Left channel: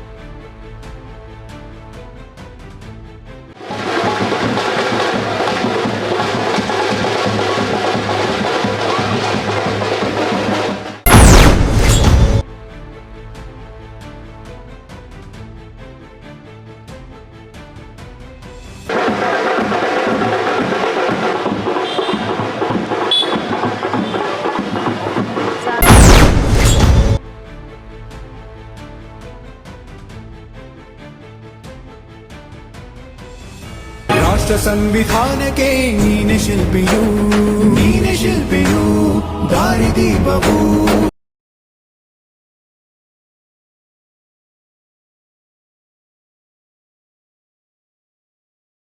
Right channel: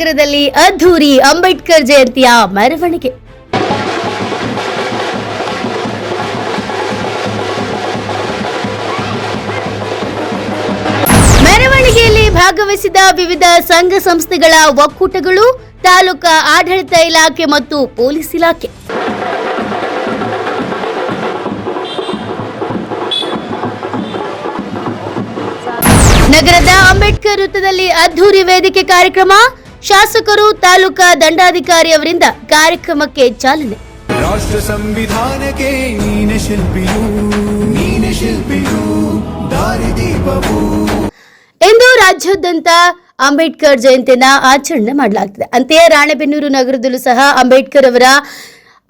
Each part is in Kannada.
ನಗರದಲ್ಲಿ ಅದ್ಧೂರಿ ಅಂಬೇಡ್ಕರ್ ಜಯಂತಿಯ ಮೆರವಣಿಗೆ. ಮೆರವಣಿಗೆಯಲ್ಲಿ ಭಾಗವಹಿಸಿದ ವಿವಿಧ ಸಂಘ ಸಂಸ್ಥೆಗಳ ಒಕ್ಕೂಟಗಳು, ತಾಲೂಕಾ ಆಡಳಿತ ಇಲಾಖೆ ಮತ್ತು ಪೊಲೀಸ್ ಇಲಾಖೆ. ನಗರದ ಅಂಬೇಡ್ಕರ್ ವೃತ್ತದಲ್ಲಿ ಅದ್ಧೂರಿ ವೇದಿಕೆ ಕಾರ್ಯಕ್ರಮ. ಶಾಸಕರು, ತಾಲೂಕಾ ದಂಡಾಧಿಕಾರಿ ಅವರಿಂದ ಕಾರ್ಯಕ್ರಮಕ್ಕೆ ಚಾಲನೆ. ರಾಷ್ಟ್ರ ಸಂವಿಧಾನಕ್ಕೆ ನೀನೆ ಶಿಲ್ಪಿಯು ದಾರಿದೀಪವು. ಇಂದು ರಾಜ್ಯಾದ್ಯಂತ ಅಂಬೇಡ್ಕರ್ ಜಯಂತಿಯನ್ನು ಆಚರಣೆ ಮಾಡಲಾಗ್ತದೆ. ಅಂತೆಯೇ ರಾಣೆಬೆನ್ನೂರು ನಗರದಲ್ಲೂ ಸಹ ಅಂಬೇಡ್ಕರ್ ಅವರ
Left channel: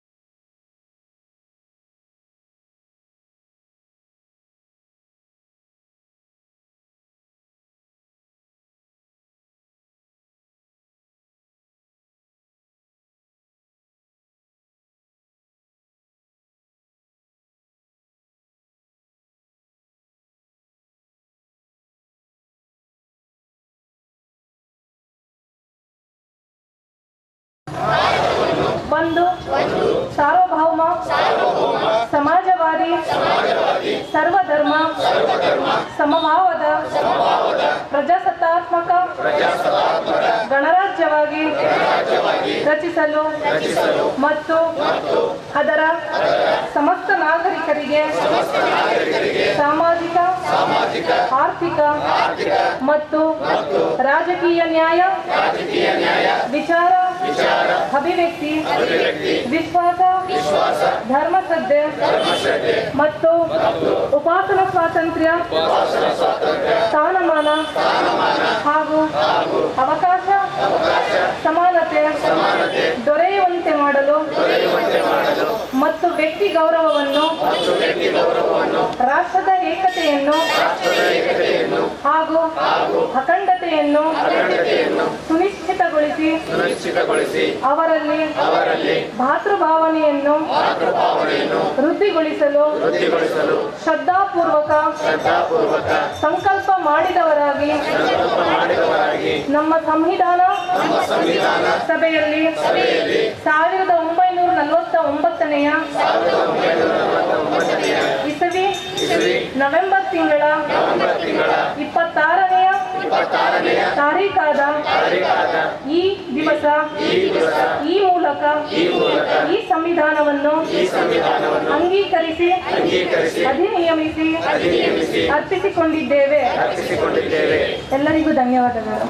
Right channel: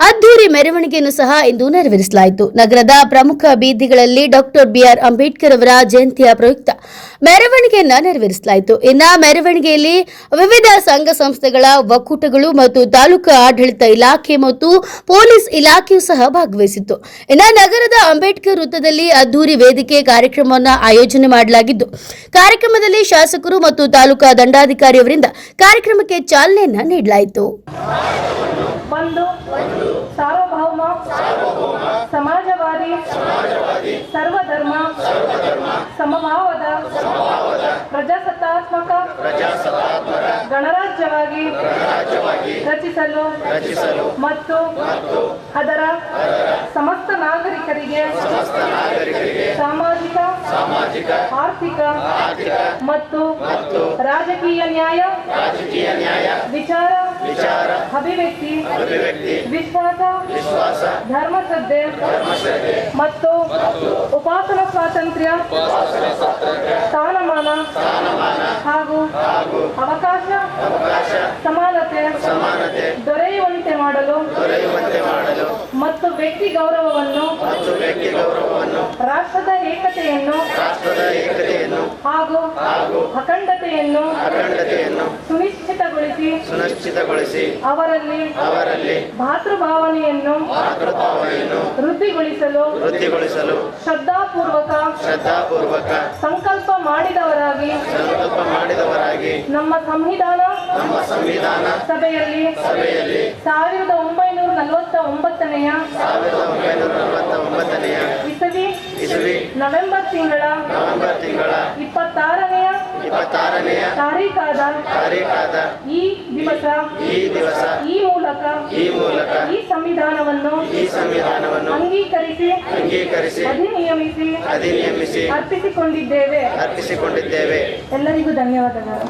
ಅದ್ಧೂರಿ ಮೆರವಣಿಗೆಯನ್ನು ಸಹ ಇಂದು ನೆರವೇರಿಸಲಾಯಿತು. ನಗರದ ಪ್ರಮುಖ ಬೀದಿಗಳಲ್ಲಿ ಡಾಕ್ಟರ್ ಬಿಆರ್ ಅಂಬೇಡ್ಕರ್ ಅವರ ಜಯಂತಿಯ ಪ್ರಯುಕ್ತ ಮೆರವಣಿಗೆಯನ್ನ ನೆರವೇರಿಸಲಾಯಿತು. ಇನ್ನು ಮೆರವಣಿಗೆಯಲ್ಲಿ ವಿವಿಧ ಸಂಘ ಸಂಸ್ಥೆಗಳ ಒಕ್ಕೂಟಗಳು ಮತ್ತು ತಾಲೂಕು ಆಡಳಿತ ಇಲಾಖೆ ಮತ್ತು ಪೊಲೀಸ್ ಇಲಾಖೆಯೂ ಸಹ ಭಾಗವಹಿಸಿತ್ತು. ಇನ್ನು ನಗರದ ಅಂಬೇಡ್ಕರ್ ವೃತ್ತದಲ್ಲಿ ಅದ್ಧೂರಿ ವೇದಿಕೆ ಕಾರ್ಯಕ್ರಮವನ್ನು ಆಯೋಜನೆ ಮಾಡಲಾಗಿದ್ದು, ಕಾರ್ಯಕ್ರಮದಲ್ಲಿ ಶಾಸಕರು ಮತ್ತು ತಾಲೂಕಾ ದಂಡಾಧಿಕಾರಿಯವರಿಂದ ಕಾರ್ಯಕ್ರಮಕ್ಕೆ ಚಾಲನೆಯನ್ನ ನೀಡಲಾಯಿತು. ಸಾರ್ವಭೌಮ ಸಮಾಜವಾದಿ ಸರ್ವಧರ್ಮ ಸಮಭಾವದ ಪ್ರಜಾಸತ್ತಾತ್ಮಕ ಗಣರಾಜ್ಯವಾಗಿ ರಚಿಸಲು ಮತ್ತು ಅದರ ಸಮಸ್ತ ನಾಗರಿಕರಿಗೆ ಸಾಮಾಜಿಕ ಆರ್ಥಿಕ ಮತ್ತು ರಾಜಕೀಯ ನ್ಯಾಯ ವಿಚಾರ ಅಭಿವ್ಯಕ್ತಿ ವಿಶ್ವಾಸ ಧರ್ಮಶ್ರದ್ಧೆ ಮತ್ತು ಉಪಾಸನಾ ಸ್ವಾತಂತ್ರ್ಯ ಸ್ಥಾನಮಾನ ಹಾಗೂ ಅವಕಾಶ ಸಮಾನತೆ ದೊರೆಯುವಂತೆ ಮಾಡಲು ಮತ್ತು ವ್ಯಕ್ತಿ ಗೌರವವನ್ನು ರಾಷ್ಟ್ರದ ಏಕತೆಯನ್ನು ಹಾಗೂ ಅಖಂಡತೆಯನ್ನು ಸುನಿಶ್ಚಿತಗೊಳಿಸಿ ಅವರಲ್ಲಿ ಭಾತೃಭಾವನೆಯನ್ನು ವೃದ್ಧಿಗೊಳಿಸಲು ಶ್ರದ್ಧಾಪೂರ್ವಕ ಸಂಕಲ್ಪ ಮಾಡಿದವರಾಗಿ ನಮ್ಮ ಸಂವಿಧಾನ ಸಭೆಯಲ್ಲಿ 1949ನೇ ಇಸವಿ ನವೆಂಬರ್ ತಿಂಗಳ 26ನೇ ತಾರೀಖಾದ ಈ ದಿವಸ ಈ ಮೂಲಕ ಈ ಸಂವಿಧಾನವನ್ನು ಅಂಗೀಕರಿಸಿ ಅಧಿನಿಯಮಿಸಿ ಅರ್ಪಿಸಿಕೊಂಡಿದ್ದೇವೆ. ಎಲ್ಲರಿಗೂ ಧನ್ಯವಾದಗಳು.